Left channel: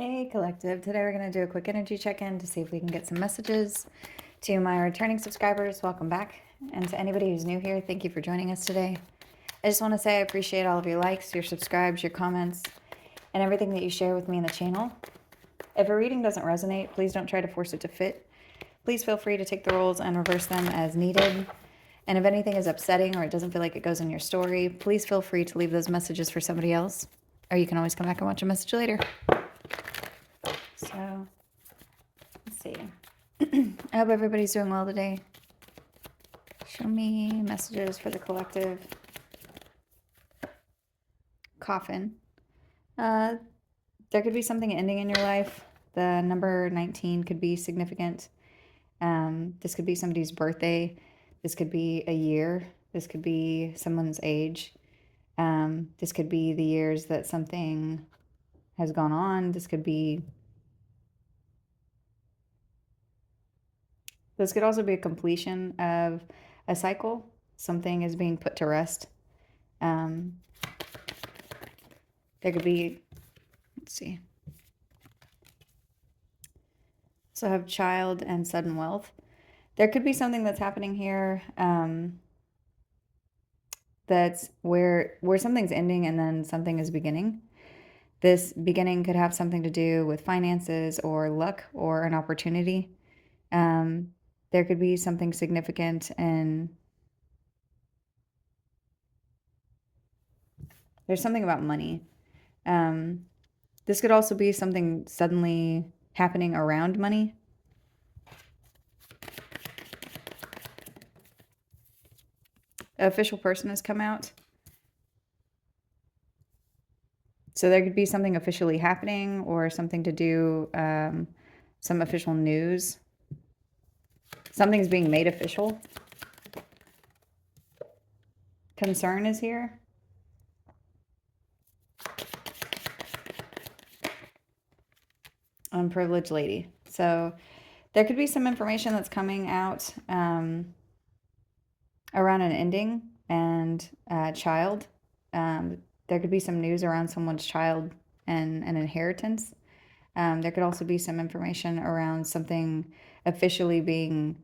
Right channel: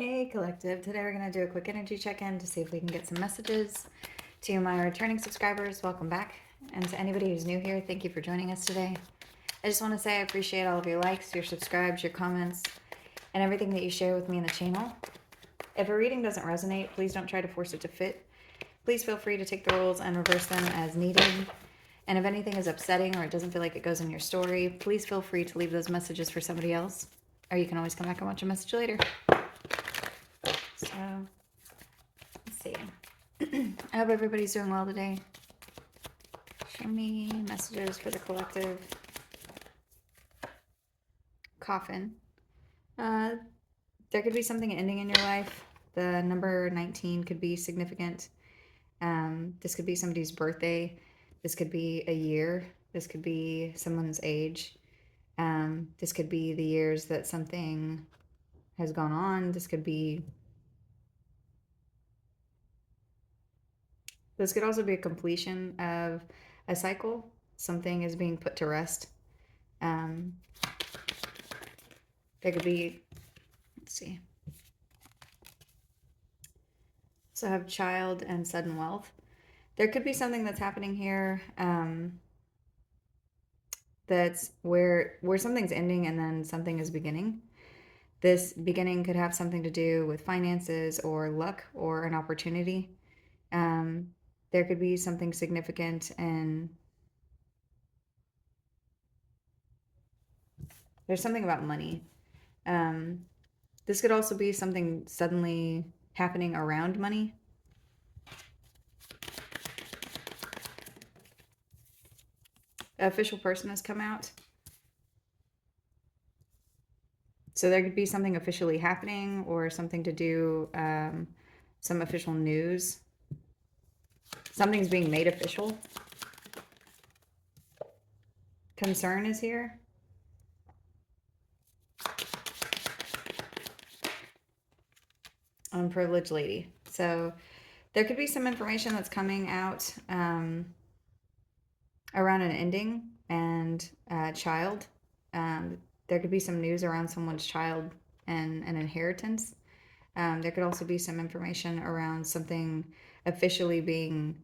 Hey Collective, today we're going to do a quick energy check-in to see if we can get some messages. To my returning subscribers, welcome back. And to anybody who's new here, thank you for joining us today. I just want to say I appreciate all of your likes, your subscribes, your comments, and everything that you share with me in the channel. If a reading doesn't resonate, please don't try to force it to fit. Please feel free to take the roles and reverse them as needed. And if anything is upsetting or it doesn't feel like it goes in your story, please feel free to leave those messages for somebody else. Or you can always come back and watch a message later. So, let's see. I hope everybody's doing well today. Show me messages for the collective. Coffin. There could be something ending in your life. The number 19 could be significant. This could be somebody's birthday. This could be a year. This could be someone's age. This could be the years that something has gone on. This could also be a completion of a cycle. Something is being put to rest. There could be, let's see. So I have child and sudden wealth. There could be something that's happening here that's where something's ending and then something is beginning. This beginning could have something to do with finances or luck or an opportunity. There could be something significant, and there's something about money. This could also be something suddenly happening around money. An official person has come out. So there could be something officially happening or something to do, some official news. Something's being made official. Concern is here. Unprivileged lady. So there could be some information that's coming out around an ending and child. There could be some news around someone's child and an inheritance. There could also be some information around something officially being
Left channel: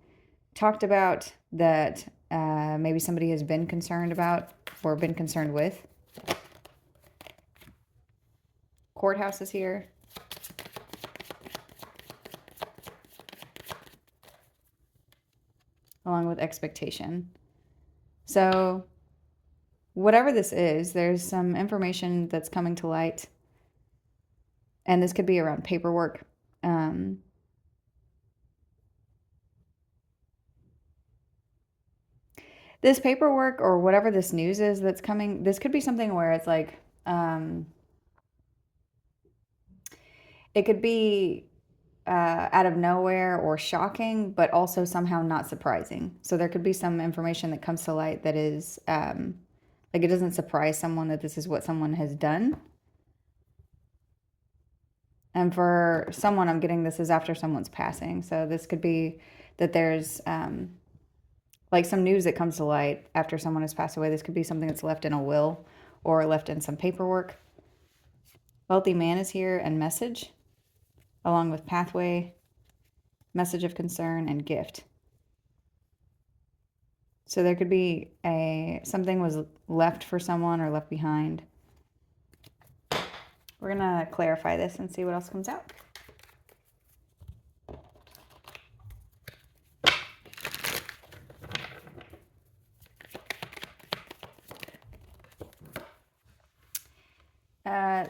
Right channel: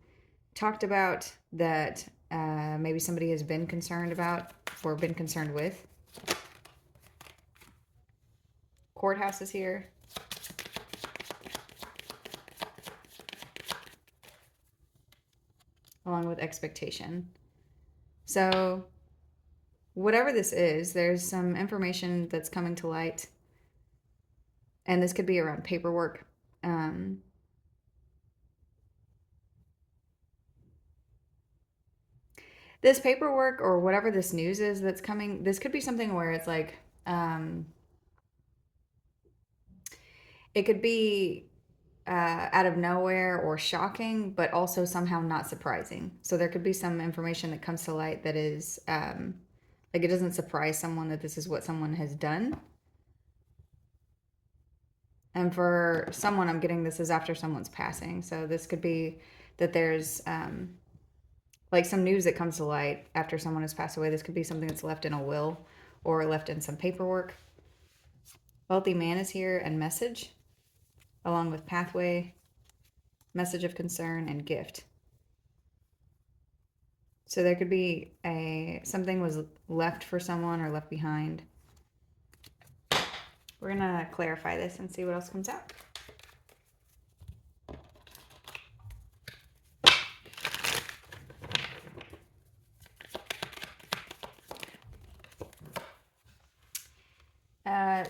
talked about that maybe somebody has been concerned about or been concerned with. Courthouse is here. Along with expectation. So whatever this is, there's some information that's coming to light. And this could be around paperwork. This paperwork or whatever this news is that's coming, this could be something where it's like, it could be out of nowhere or shocking, but also somehow not surprising. So there could be some information that comes to light that is like it doesn't surprise someone that this is what someone has done. And for someone, I'm getting this is after someone's passing. So this could be that there's like some news that comes to light after someone has passed away. This could be something that's left in a will or left in some paperwork. Wealthy man is here and message, along with pathway, message of concern, and gift. So there could be something was left for someone or left behind. We're going to clarify this and see what else comes out.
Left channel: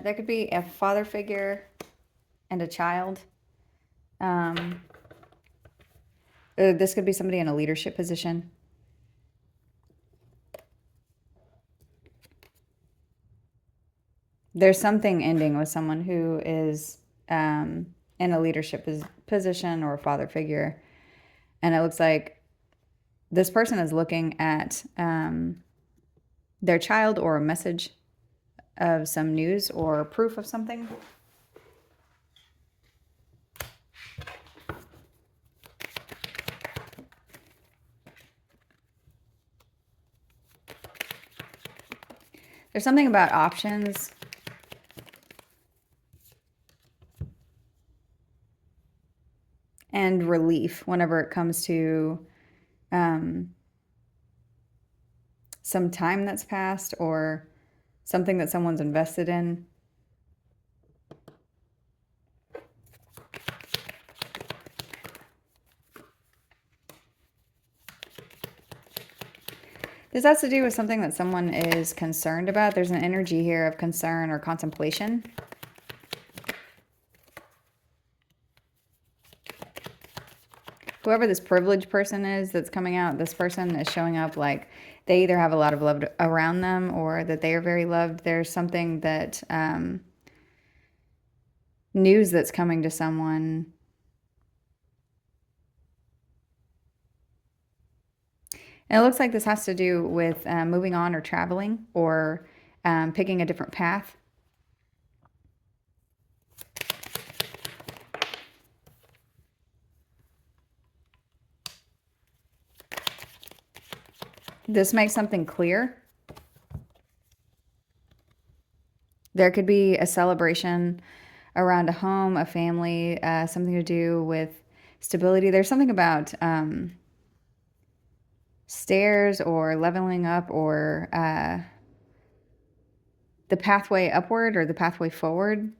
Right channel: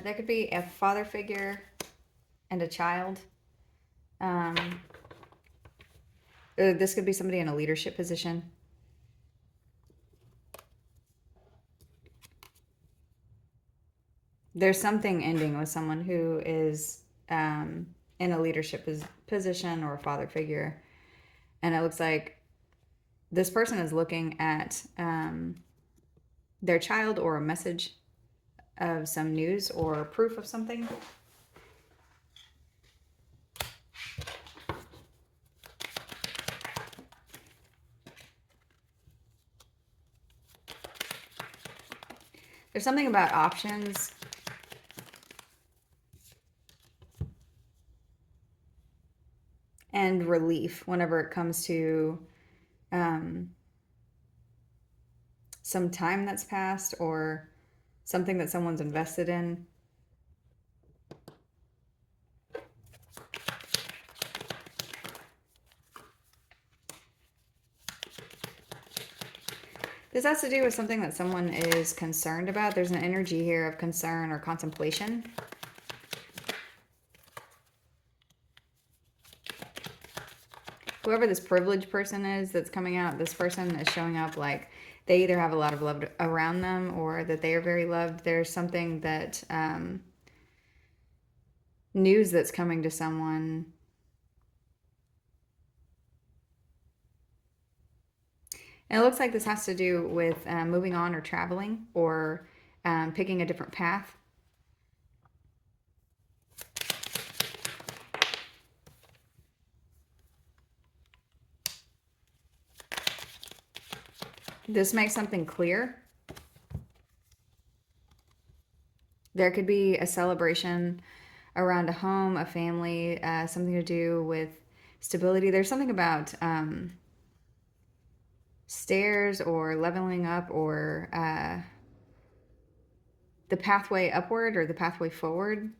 There could be a father figure and a child. This could be somebody in a leadership position. There's something ending with someone who is in a leadership position or a father figure. And it looks like this person is looking at their child or a message of some news or proof of something. There's something about options. and relief whenever it comes to some time that's passed or something that someone's invested in. This has to do with something that someone is concerned about. There's an energy here of concern or contemplation. Whoever this privileged person is that's coming out, this person is showing up like they either have a lot of love around them or that they are very loved. There's something that, news that's coming to someone. And it looks like this has to do with moving on or traveling or picking a different path. This makes something clear. There could be a celebration around a home, a family, something to do with stability. There's something about stairs or leveling up or the pathway upward or the pathway forward.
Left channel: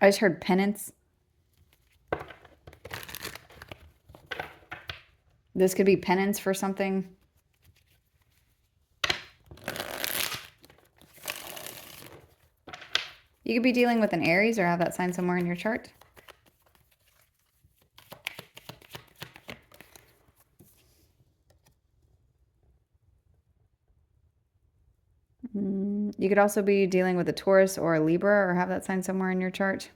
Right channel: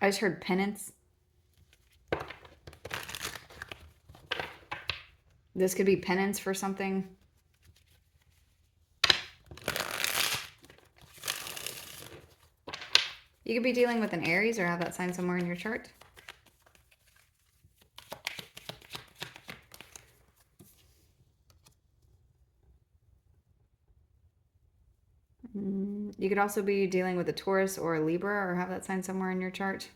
I just heard penance. This could be penance for something. You could be dealing with an Aries or have that sign somewhere in your chart. You could also be dealing with a Taurus or a Libra or have that sign somewhere in your chart.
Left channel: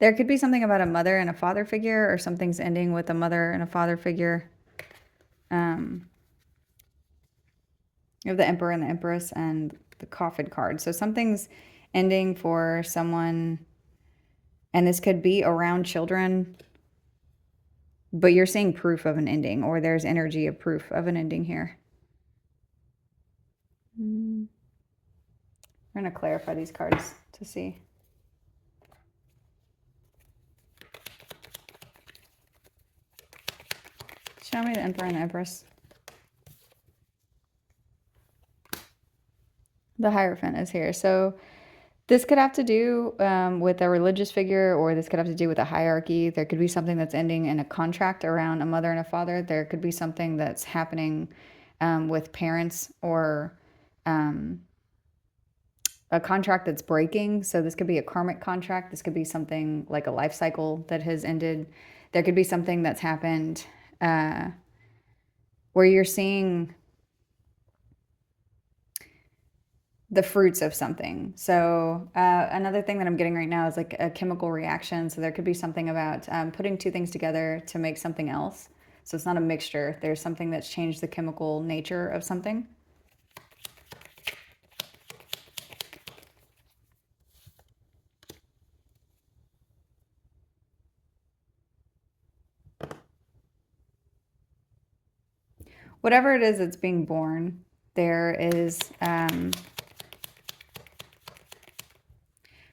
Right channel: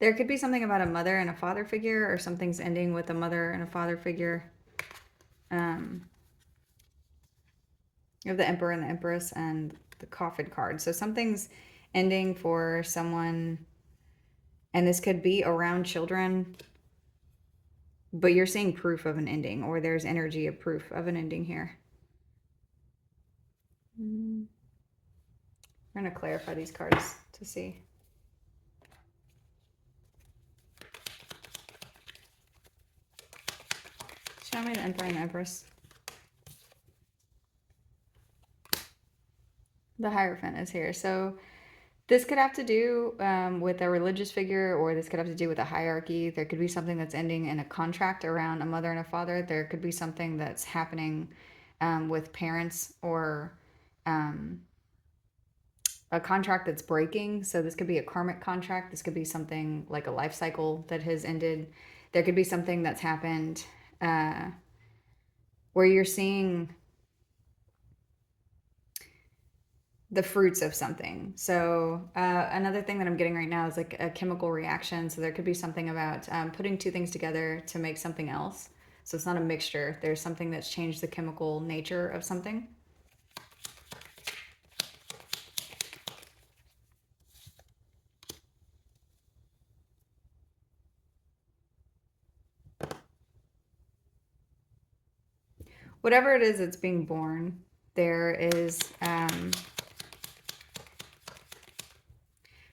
There could be something about a mother and a father figure, or something's ending with a mother and a father figure. You have the Emperor and the Empress and the Coffin card. So something's ending for someone, and this could be around children, but you're seeing proof of an ending, or there's energy of proof of an ending here. I'm going to clarify these cards to see. Show me the Emperor and the Empress. The Hierophant is here. So this could have to do with a religious figure, or this could have to do with a hierarchy. There could be something that's ending in a contract around a mother and a father. There could be something that's happening with parents, or a contract that's breaking. So this could be a karmic contract. This could be something like a life cycle that has ended. There could be something that's happened where you're seeing the fruits of something. So another thing that I'm getting right now is like a chemical reaction. So there could be something about putting two things together to make something else. So it's not a mixture. There's something that's changed the chemical nature of something. Whatever it is that's being born, there is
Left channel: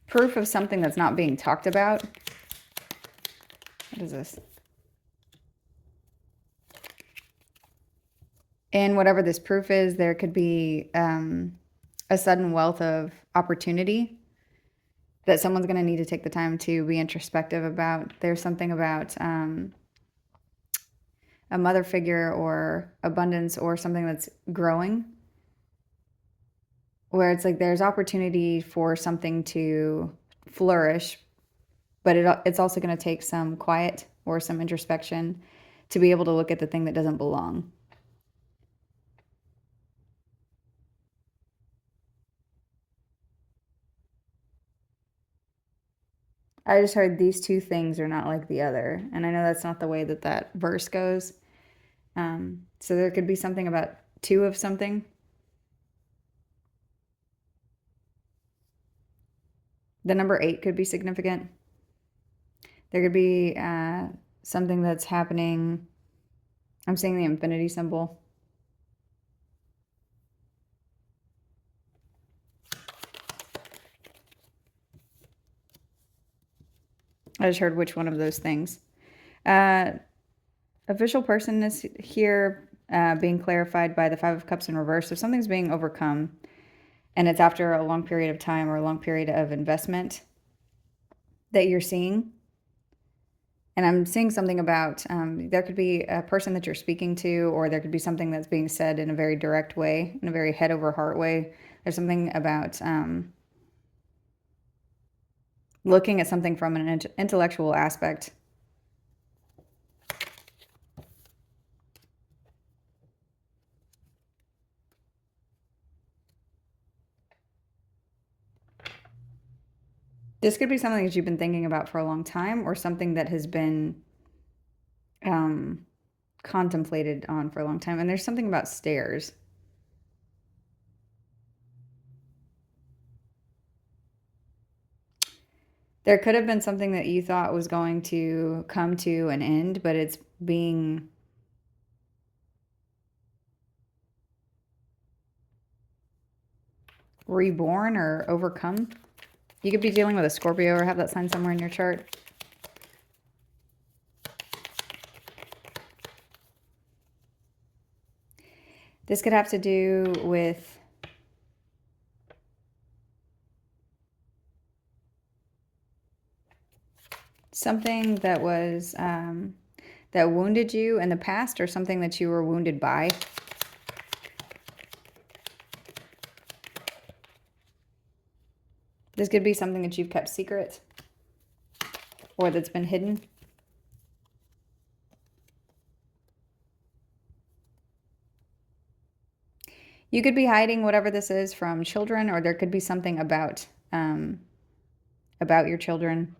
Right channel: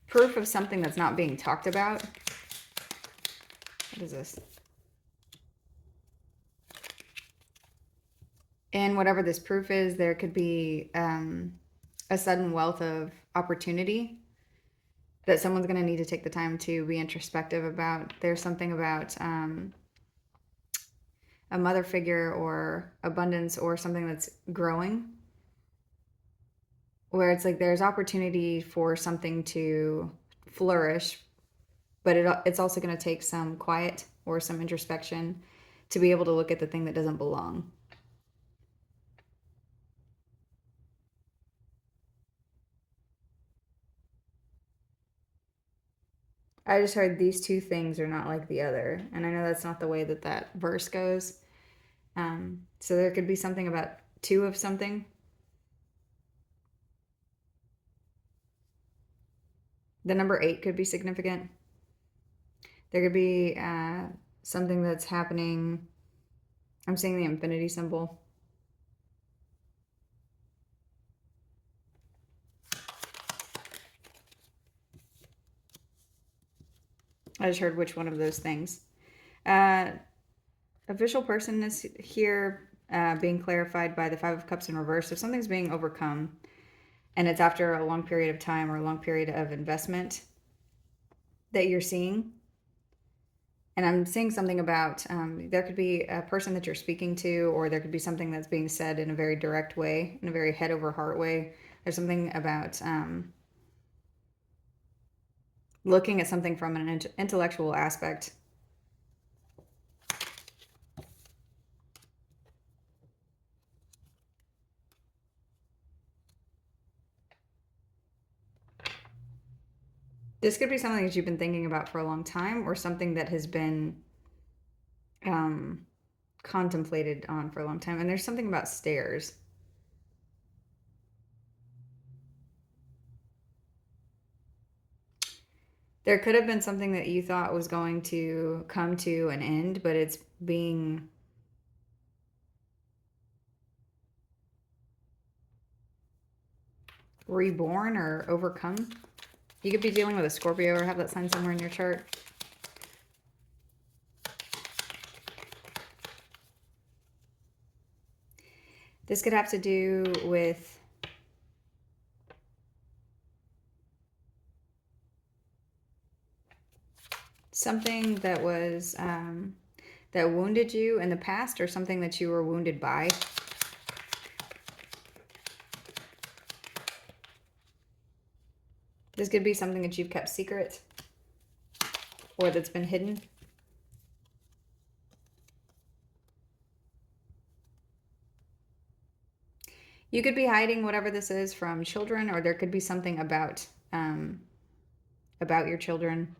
proof of something that's not being talked about. What is this? And whatever this proof is, there could be a sudden wealth of opportunity that someone's going to need to take the time to be introspective about. There's something about a mother figure or abundance or something that's growing, where it's like there's opportunity for something to flourish, but it's also going to take some quiet or some introspection to be able to look at the thing that doesn't belong. I just heard these two things are not like the other. And I know that's not the way that that verse goes. So there could be something about two of something. The number 8 could be significant. There could be something that's happening. I'm seeing the infinity symbol. I just heard which one of those things. Official person is here being clarified by the Five of Cups in reverse. If something's being overcome and it's after a long period of time or a long period of investment that you're seeing, and I'm seeing something about there could be a person that you're speaking to, or there could be something that's being said in a very direct way, in a very head over heart way. There's something about looking at something from an intellectual aspect. This could be something that you've been thinking about for a long time, or something that has been contemplated on for a long time. And there's something about stairs. There could have been something that you thought was going to come to an end, but it's being reborn or overcome. You could be dealing with a Scorpio or have that sign somewhere in your chart. This could have to do with something that was that wounded you in the past, or something that you were wounded by. This could be something that you've kept secret or that's been hidden. You could be hiding whatever this is from children, or there could be something about your children.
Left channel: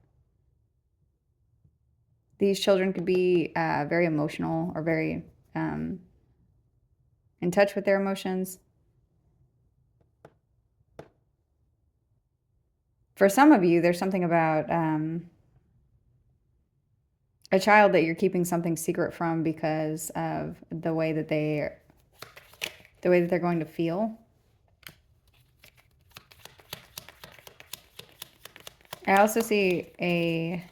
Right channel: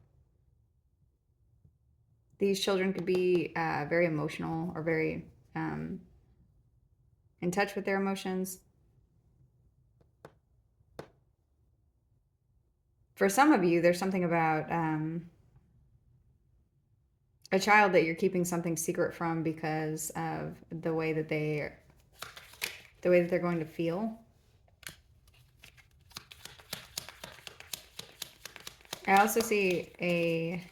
These children could be very emotional or very in touch with their emotions. For some of you, there's something about a child that you're keeping something secret from because of the way that they're going to feel. I also see a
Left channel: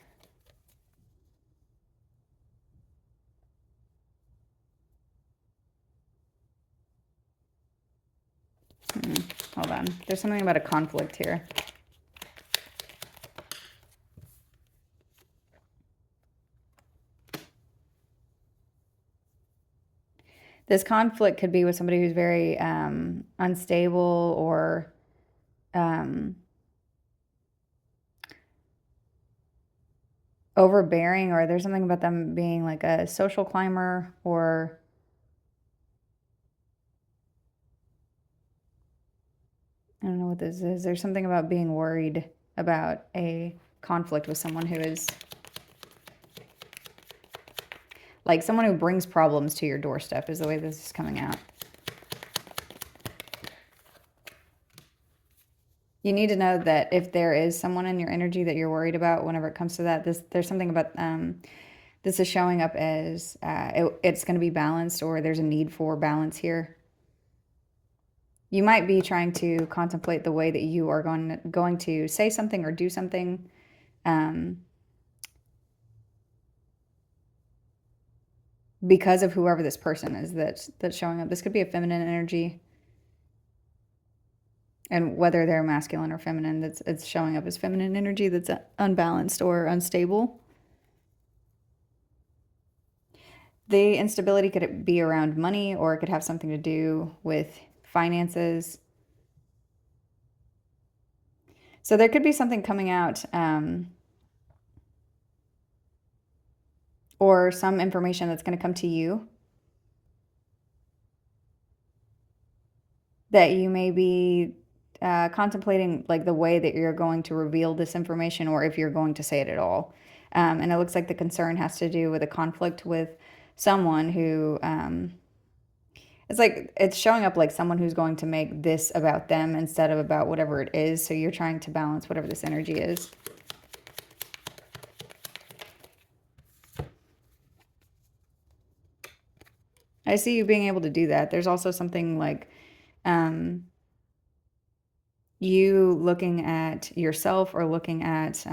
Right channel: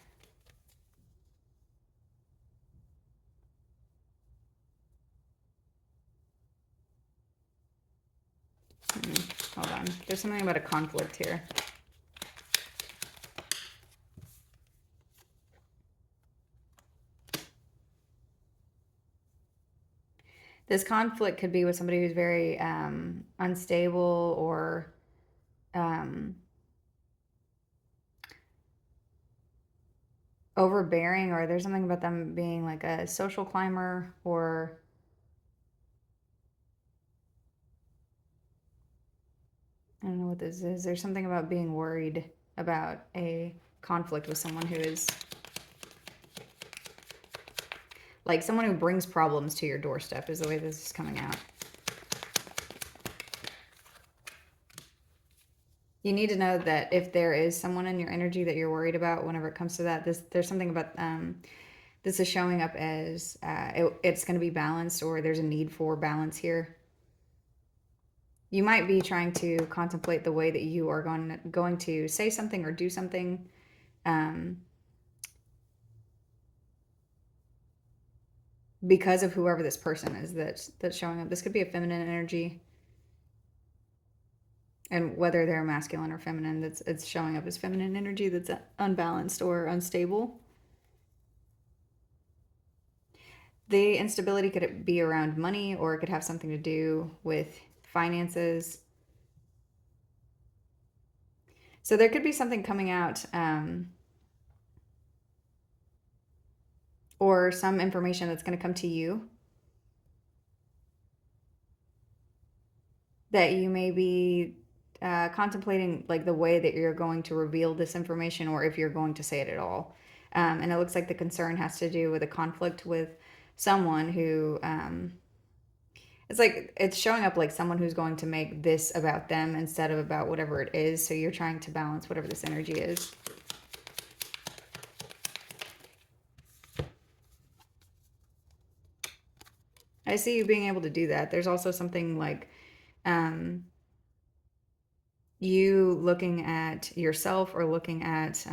hold on. There's something about a conflict here. This conflict could be with somebody who's very unstable or overbearing, or there's something about them being like a social climber, or I don't know what this is. There's something about being worried about a conflict with someone who is like someone who brings problems to your doorstep is the way this is coming out. You need to know that if there is someone in your energy that you're worried about whenever it comes to that, there's something about this is showing up as it's going to be balanced, or there's a need for balance here. You might be trying to contemplate the way that you are going to say something or do something. Because of whoever this person is that's showing up. This could be a feminine energy. And whether they're masculine or feminine, it's showing up as feminine energy that's unbalanced or unstable. The instability could be around money, or it could have something to do with finances. So there could be something coming out, or some information that's going to come to you that you may be contemplating, like the way that you're going to reveal this information, or if you're going to say it at all. And it looks like the concern has to do with a conflict with someone who it's like it's showing up like someone who's going to make this about them instead of about whatever it is. So you're trying to balance whatever this energy is. I see you being able to do that. There's also something like you looking at yourself, or looking at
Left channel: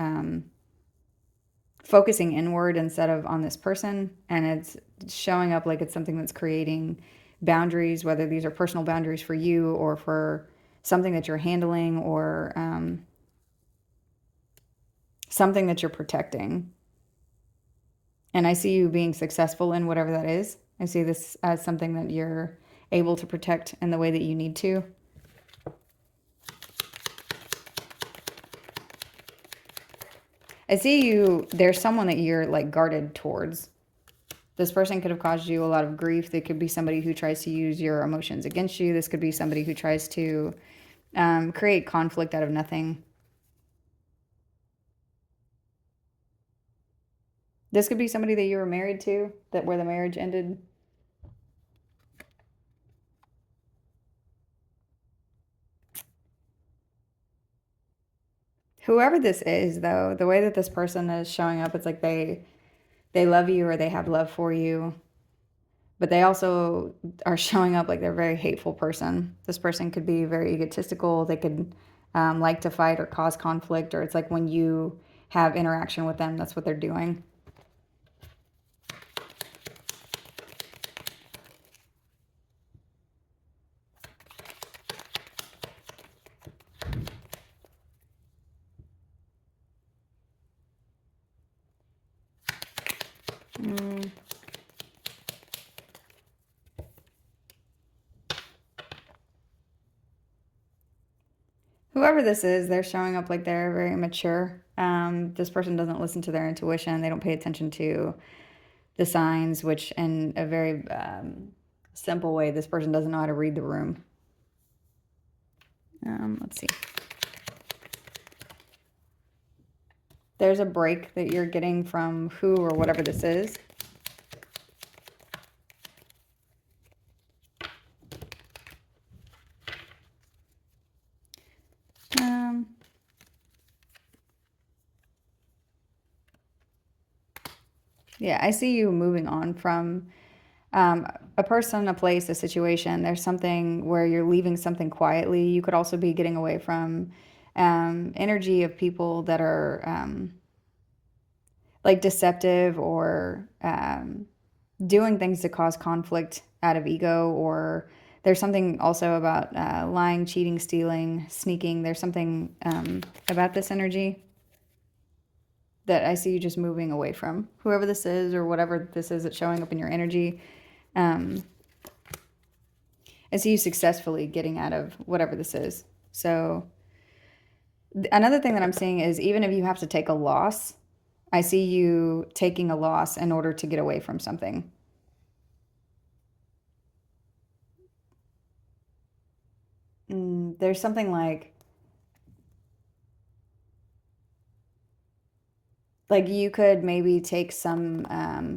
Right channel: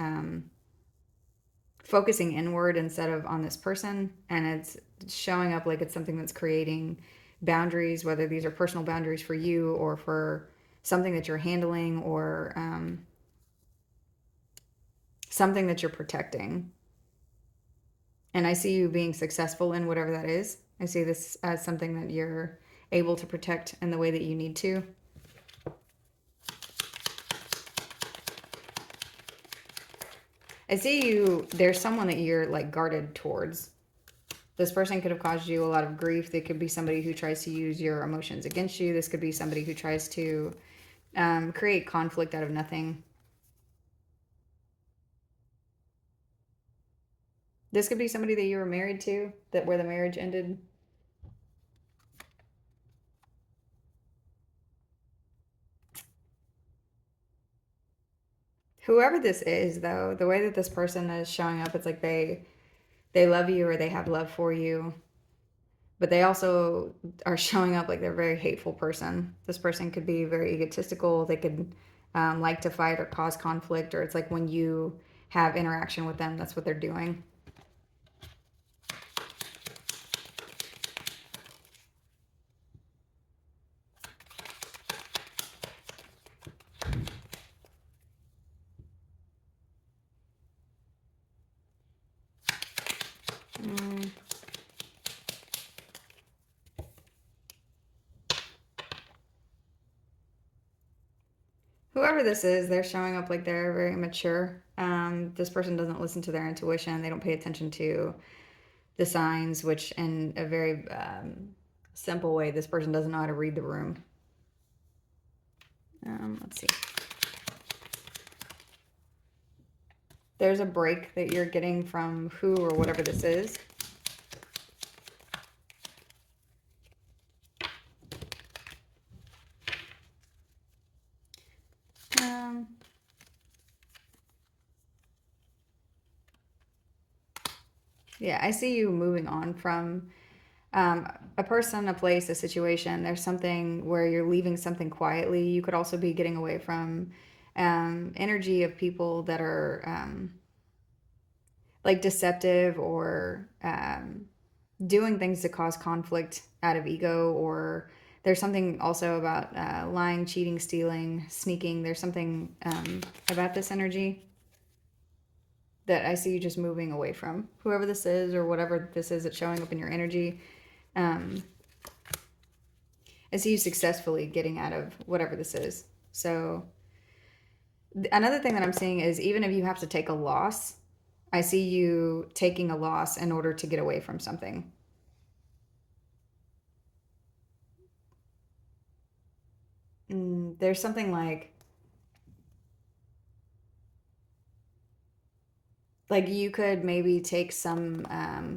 focusing inward instead of on this person, and it's showing up like it's something that's creating boundaries, whether these are personal boundaries for you or for something that you're handling, or something that you're protecting. And I see you being successful in whatever that is. I see this as something that you're able to protect in the way that you need to. I see you, there's someone that you're like guarded towards. This person could have caused you a lot of grief. They could be somebody who tries to use your emotions against you. This could be somebody who tries to create conflict out of nothing. This could be somebody that you were married to, that where the marriage ended. Whoever this is, though, the way that this person is showing up, it's like they love you or they have love for you, but they also are showing up like they're a very hateful person. This person could be very egotistical. They could like to fight or cause conflict, or it's like when you have interaction with them, that's what they're doing. Whoever this is, they're showing up like they're very mature. This person doesn't listen to their intuition. They don't pay attention to the signs, which in a very simple way, this person doesn't know how to read the room. Let's see. There's a break that you're getting from who or whatever this is. Yeah, I see you moving on from a person, a place, a situation. There's something where you're leaving something quietly. You could also be getting away from energy of people that are like deceptive, or doing things to cause conflict out of ego, or there's something also about lying, cheating, stealing, sneaking. There's something about this energy that I see you just moving away from. Whoever this is or whatever this is that's showing up in your energy, I see you successfully getting out of whatever this is. So another thing that I'm seeing is, even if you have to take a loss, I see you taking a loss in order to get away from something. There's something like you could maybe take some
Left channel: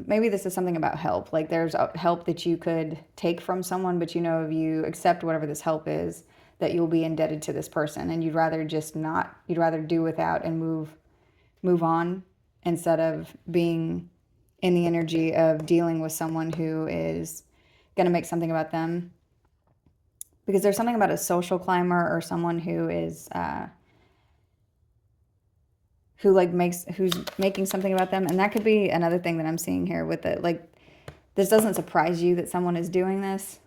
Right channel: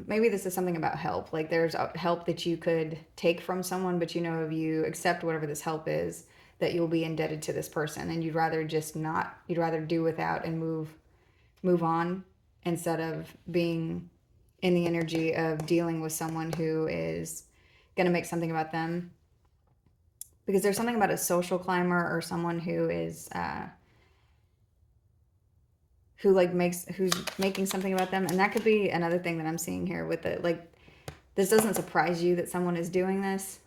maybe this is something about help, like there's help that you could take from someone, but you know, if you accept whatever this help is, that you'll be indebted to this person, and you'd rather just not, you'd rather do without and move on, instead of being in the energy of dealing with someone who is going to make something about them, because there's something about a social climber or someone who is who like makes, who's making something about them. And that could be another thing that I'm seeing here with it. Like, this doesn't surprise you that someone is doing this,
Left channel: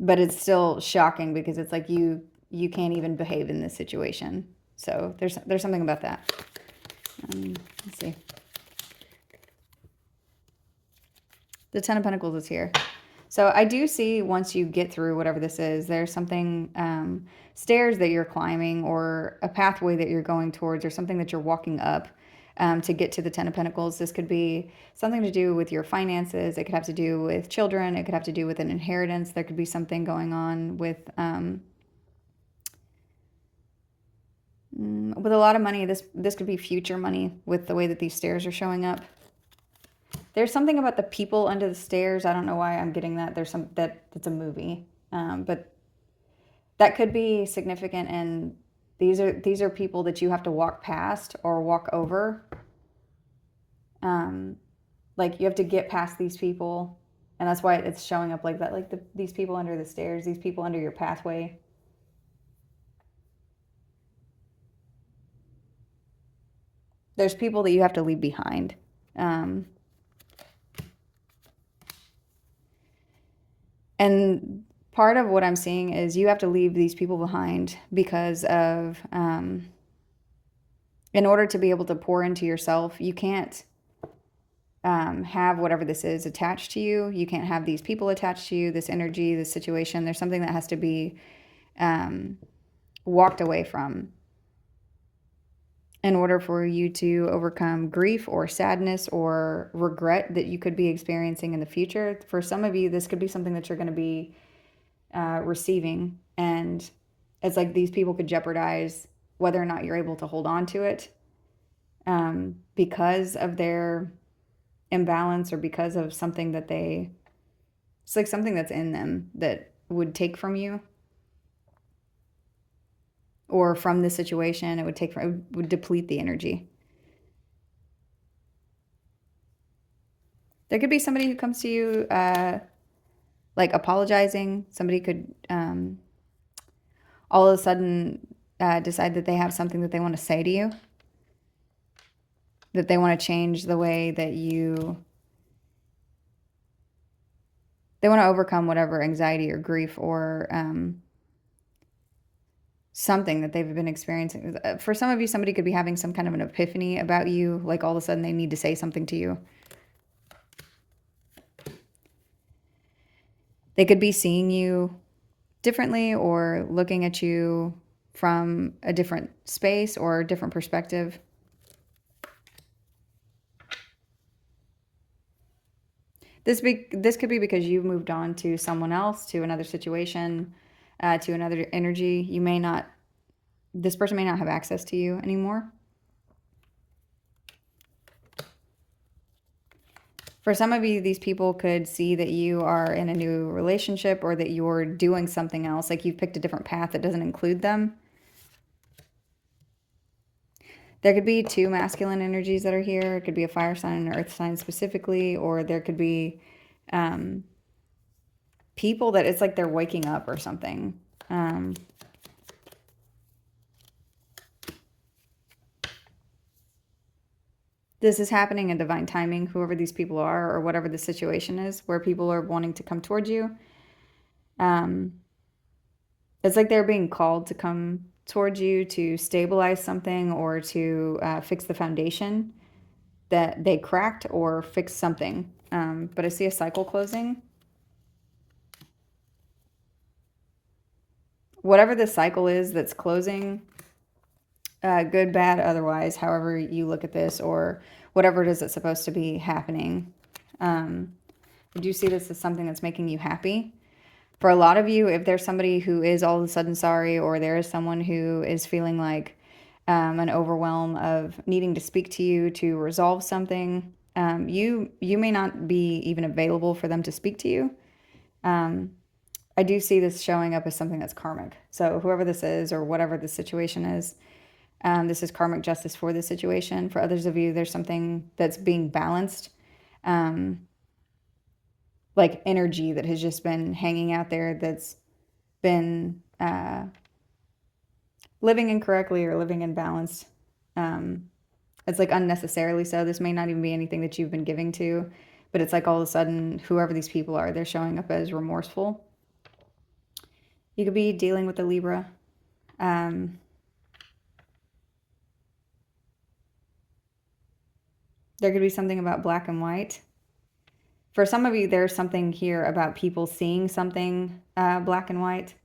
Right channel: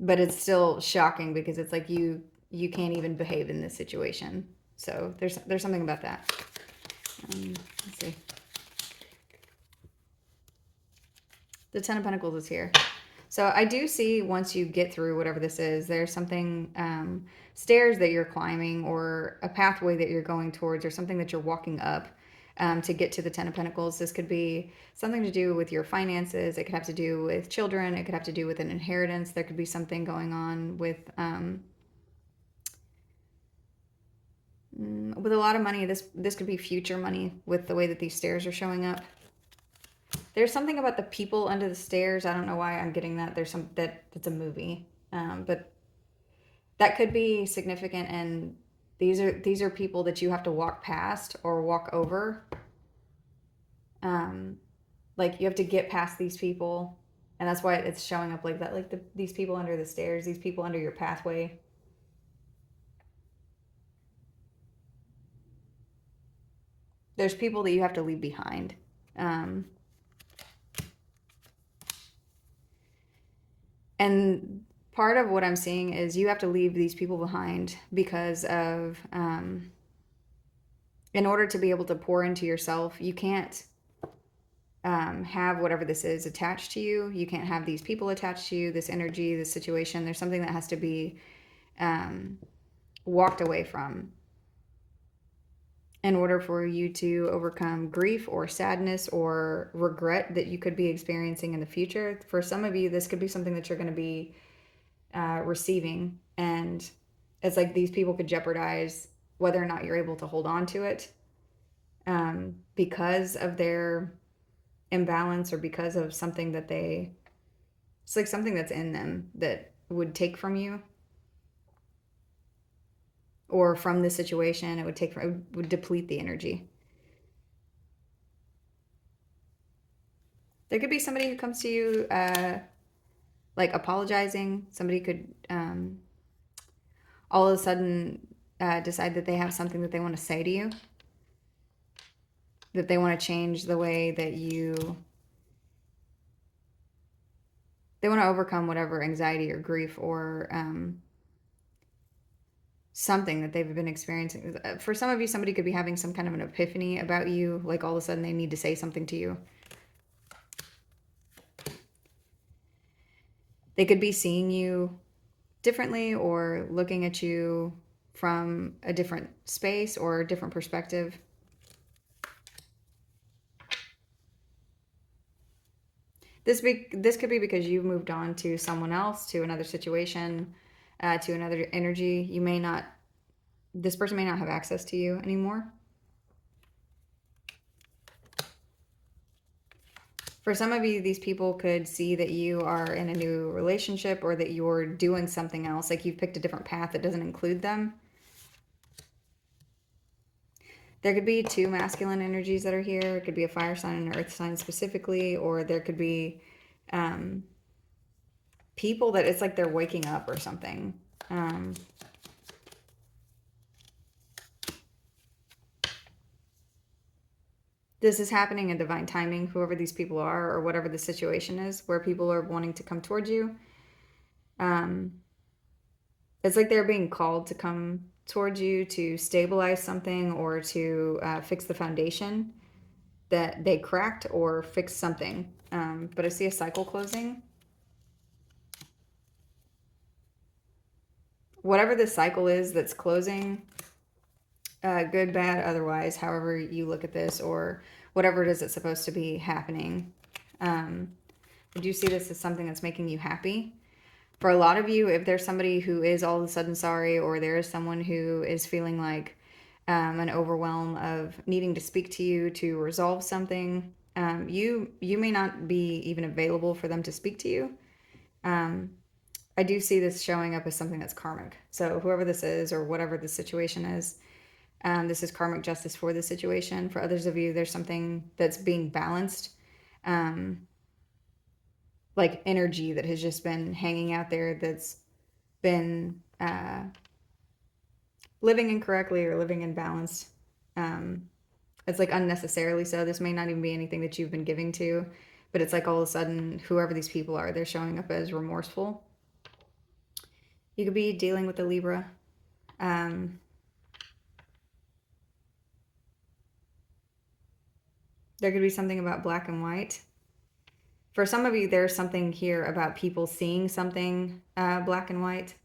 but it's still shocking because it's like you can't even behave in this situation. So there's something about that. Let's see. The Ten of Pentacles is here. So I do see, once you get through whatever this is, there's something, stairs that you're climbing, or a pathway that you're going towards, or something that you're walking up to get to the Ten of Pentacles. This could be something to do with your finances. It could have to do with children. It could have to do with an inheritance. There could be something going on with a lot of money. This could be future money with the way that these stairs are showing up. There's something about the people under the stairs. I don't know why I'm getting that. There's some it's a movie, but that could be significant. And these are people that you have to walk past or walk over. Like, you have to get past these people, and that's why it's showing up like that. Like these people under the stairs, these people under your pathway. there's people that you have to leave behind. And part of what I'm seeing is you have to leave these people behind because of, in order to be able to pour into yourself, you can't have whatever this is attached to you. You can't have these people attached to you, this energy, this situation. There's something that has to be walked away from in order for you to overcome grief or sadness or regret that you could be experiencing in the future. For some of you, this could be something that you're going to be receiving, and it's like these people could jeopardize whether or not you're able to hold on to it because of their imbalance or because of something that it's like something that's in them that would take from you or from the situation. It would deplete the energy. There could be somebody who comes to you like apologizing. Somebody could all of a sudden decide that they have something that they want to say to you, that they want to change the way that they want to overcome whatever anxiety or grief or something that they've been experiencing. For some of you, somebody could be having some kind of an epiphany about you, like all of a sudden they need to say something to you. They could be seeing you differently or looking at you from a different space or a different perspective. This could be because you've moved on to someone else, to another situation, to another energy. This person may not have access to you anymore. For some of you, these people could see that you are in a new relationship or that you're doing something else, like you've picked a different path that doesn't include them. There could be two masculine energies that are here. It could be a fire sign and an earth sign specifically, or there could be people that it's like they're waking up or something. This is happening in divine timing, whoever these people are or whatever the situation is where people are wanting to come towards you. It's like they're being called to come towards you to stabilize something or to fix the foundation that they cracked or fix something. But I see a cycle closing. Whatever the cycle is that's closing, good, bad, otherwise, however you look at this, or whatever it is that's supposed to be happening. I do see this as something that's making you happy. For a lot of you, if there's somebody who is all of a sudden sorry, or there is someone who is feeling like an overwhelm of needing to speak to you to resolve something, you may not be even available for them to speak to you. I do see this showing up as something that's karmic. So whoever this is or whatever the situation is, this is karmic justice for the situation. For others of you, there's something that's being balanced, like energy that has just been hanging out there that's been living incorrectly or living imbalanced. It's like unnecessarily so. This may not even be anything that you've been giving to, but it's like all of a sudden, whoever these people are, they're showing up as remorseful. You could be dealing with a Libra. There could be something about black and white. For some of you, there's something here about people seeing something black and white.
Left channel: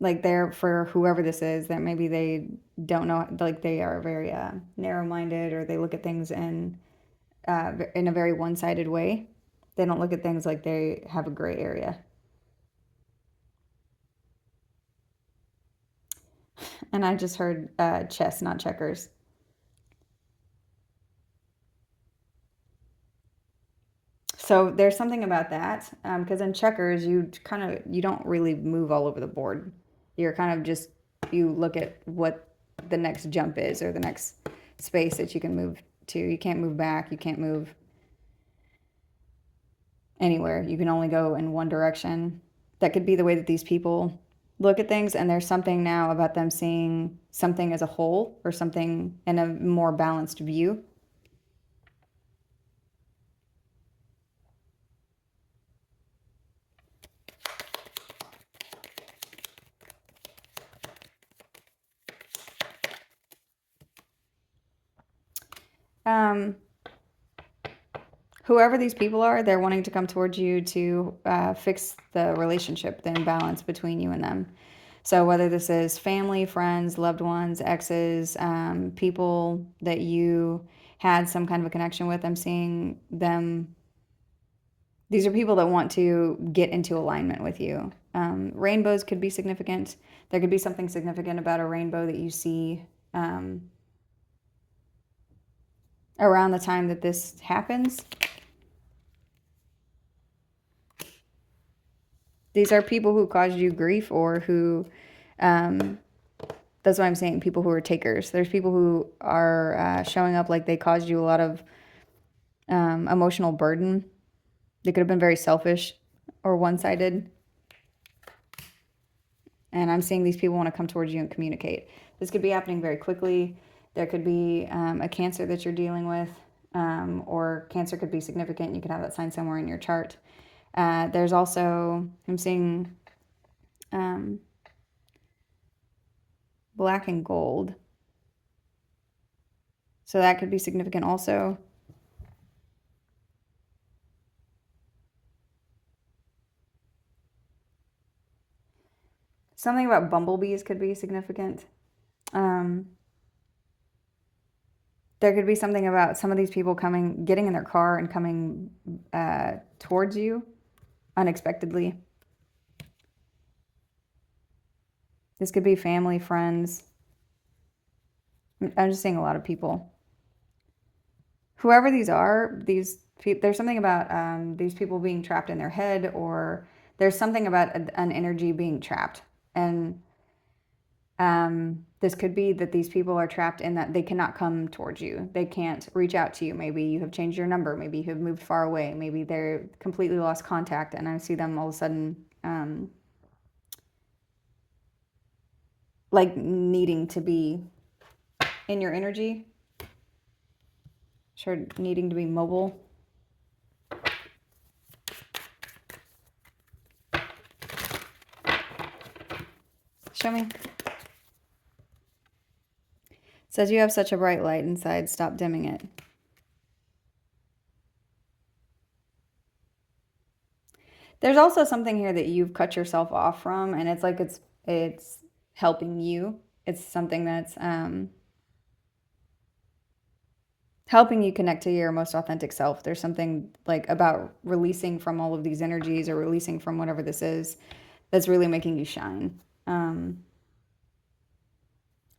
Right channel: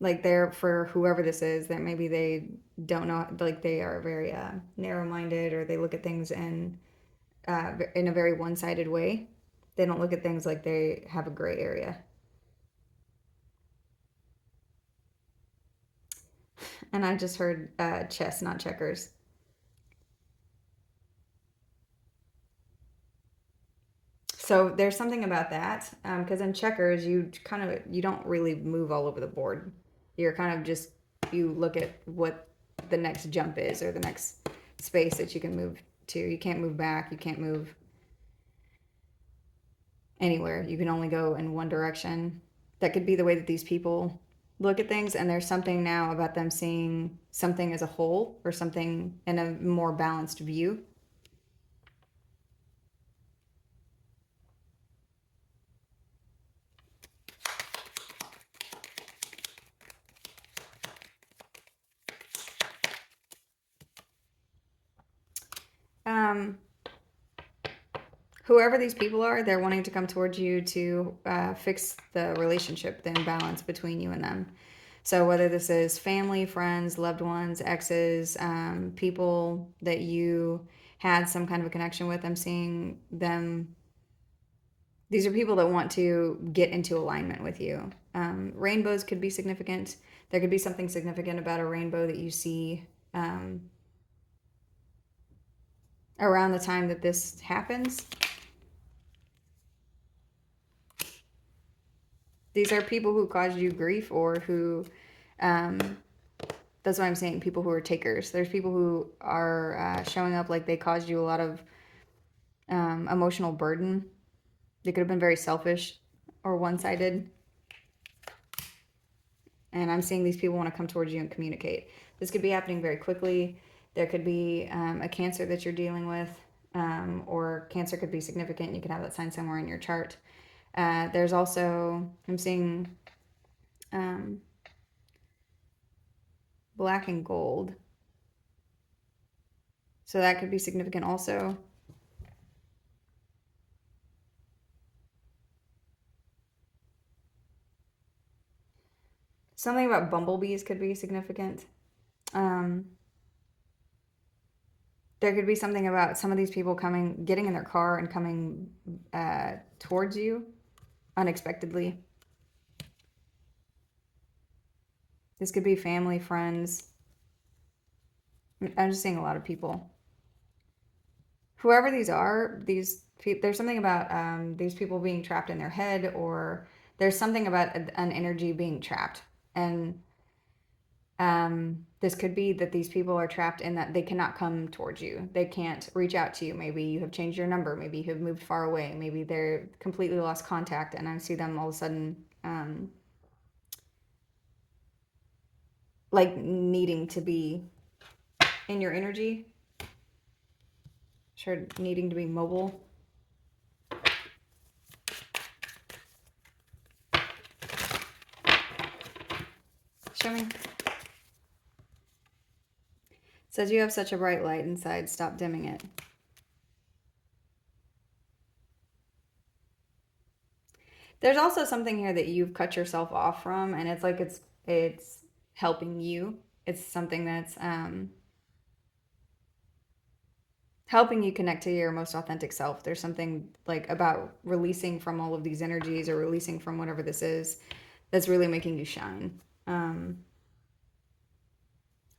Like they're, for whoever this is, that maybe they don't know, like they are very narrow-minded, or they look at things in a very one-sided way. They don't look at things like they have a gray area. And I just heard chess, not checkers. So there's something about that, because in checkers, you don't really move all over the board. You're kind of just, you look at what the next jump is or the next space that you can move to. You can't move back. You can't move anywhere. You can only go in one direction. That could be the way that these people look at things, and there's something now about them seeing something as a whole or something in a more balanced view. Whoever these people are, they're wanting to come towards you to fix the relationship, the imbalance between you and them. So whether this is family, friends, loved ones, exes, people that you had some kind of a connection with, I'm seeing them. These are people that want to get into alignment with you. Rainbows could be significant. There could be something significant about a rainbow that you see around the time that this happens. These are people who caused you grief, or who, that's what I'm saying, people who are takers. There's people who are showing up like they caused you a lot of emotional burden. They could have been very selfish or one-sided. And I'm seeing these people want to come towards you and communicate. This could be happening very quickly. There could be a cancer that you're dealing with, or cancer could be significant. You could have that sign somewhere in your chart. There's also, I'm seeing black and gold. So that could be significant also. Something about bumblebees could be significant. There could be something about some of these people getting in their car and coming towards you unexpectedly. This could be family, friends. I'm just seeing a lot of people. Whoever these are, there's something about these people being trapped in their head, or there's something about an energy being trapped. And this could be that these people are trapped in that they cannot come towards you. They can't reach out to you. Maybe you have changed your number. Maybe you have moved far away. Maybe they're completely lost contact. And I see them all of a sudden like needing to be in your energy. Sure, needing to be mobile. Show me. It says you have such a bright light inside. Stop dimming it. There's also something here that you've cut yourself off from, and it's like it's helping you. It's something that's helping you connect to your most authentic self. There's something like about releasing from all of these energies, or releasing from whatever this is, that's really making you shine.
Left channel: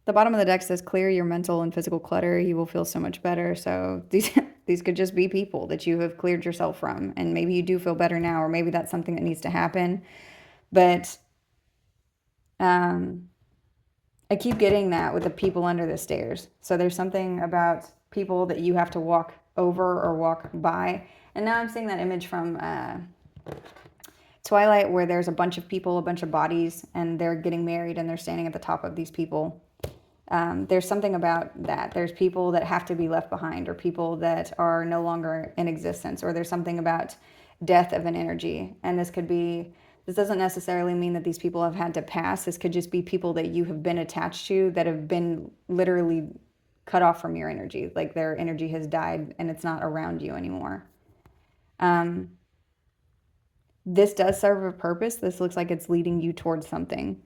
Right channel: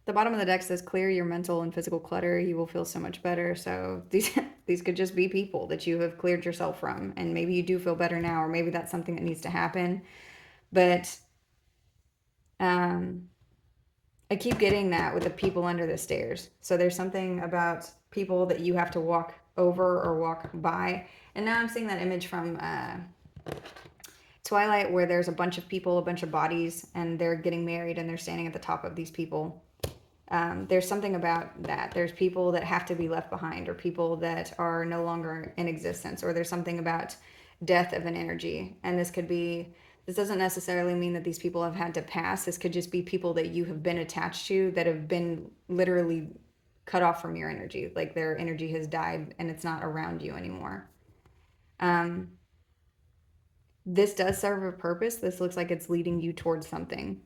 The bottom of the deck says clear your mental and physical clutter. You will feel so much better. So these could just be people that you have cleared yourself from, and maybe you do feel better now, or maybe that's something that needs to happen. But I keep getting that with the people under the stairs. So there's something about people that you have to walk over or walk by. And now I'm seeing that image from Twilight, where there's a bunch of people, a bunch of bodies, and they're getting married, and they're standing at the top of these people. There's something about that. There's people that have to be left behind, or people that are no longer in existence, or there's something about death of an energy. And this doesn't necessarily mean that these people have had to pass. This could just be people that you have been attached to that have been literally cut off from your energy. Like their energy has died and it's not around you anymore. This does serve a purpose. This looks like it's leading you towards something.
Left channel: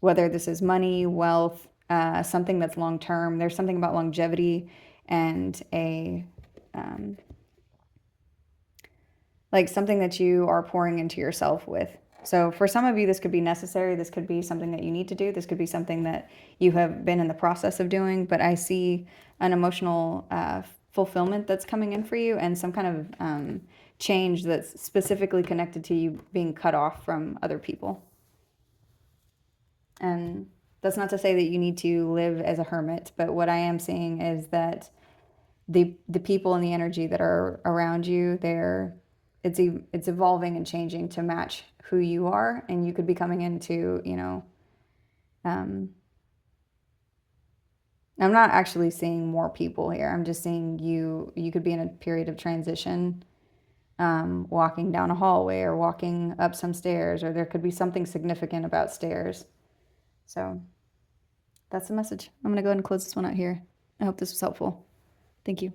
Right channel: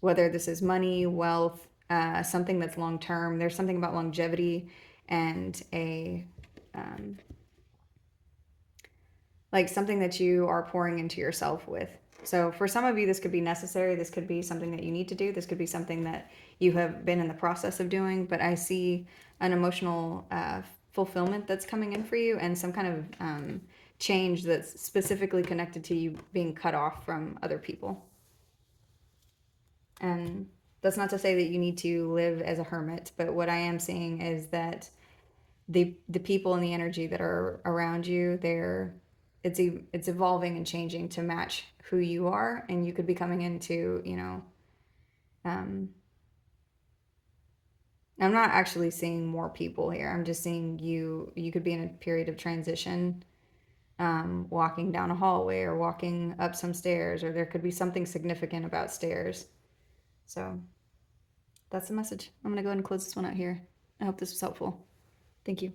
Whether this is money, wealth, something that's long term. There's something about longevity and like something that you are pouring into yourself with. So for some of you, this could be necessary. This could be something that you need to do. This could be something that you have been in the process of doing. But I see an emotional fulfillment that's coming in for you, and some kind of change that's specifically connected to you being cut off from other people. And that's not to say that you need to live as a hermit, but what I am seeing is that the people and the energy that are around you, it's evolving and changing to match who you are, and you could be coming into, you know, I'm not actually seeing more people here. I'm just seeing you could be in a period of transition, walking down a hallway or walking up some stairs, or there could be something significant about stairs. So that's the message. I'm going to go ahead and close this one out here. I hope this was helpful. Thank you.